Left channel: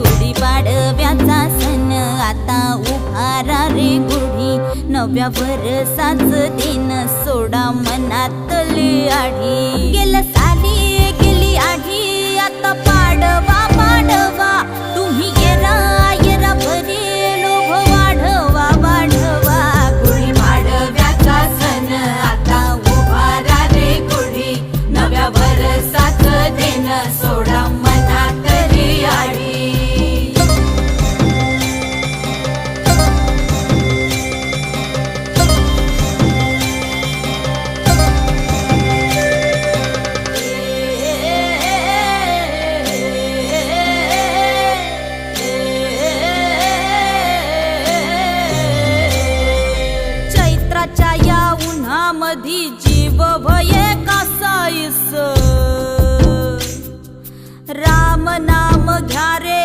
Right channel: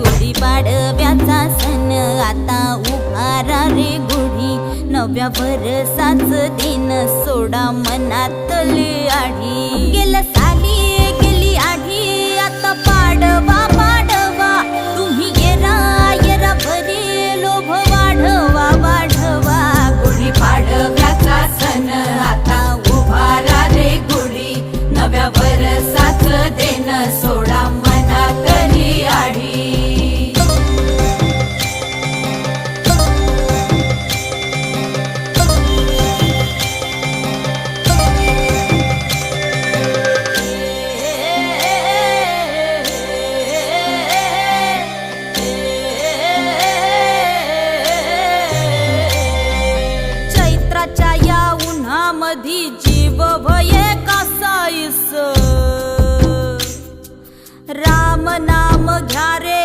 गुढीपाडव्याचा सण आता उभारा रे गुढी, नव्या वर्षाच दिन सोडा मनातली आढी। गेलं साली गेली आढी, आता पाडवा पाडवा, तुम्ही येरा येरा बरे लोभ वाढवा वाढवा। गुढीपाडव्याचा सण आता उभारा रे गुढी, नव्या वर्षाच दिन सोडा मनातली आढी। चैत्राच्या या उन्हामधी जीव भये कासाईस, राम नाम घ्या रे।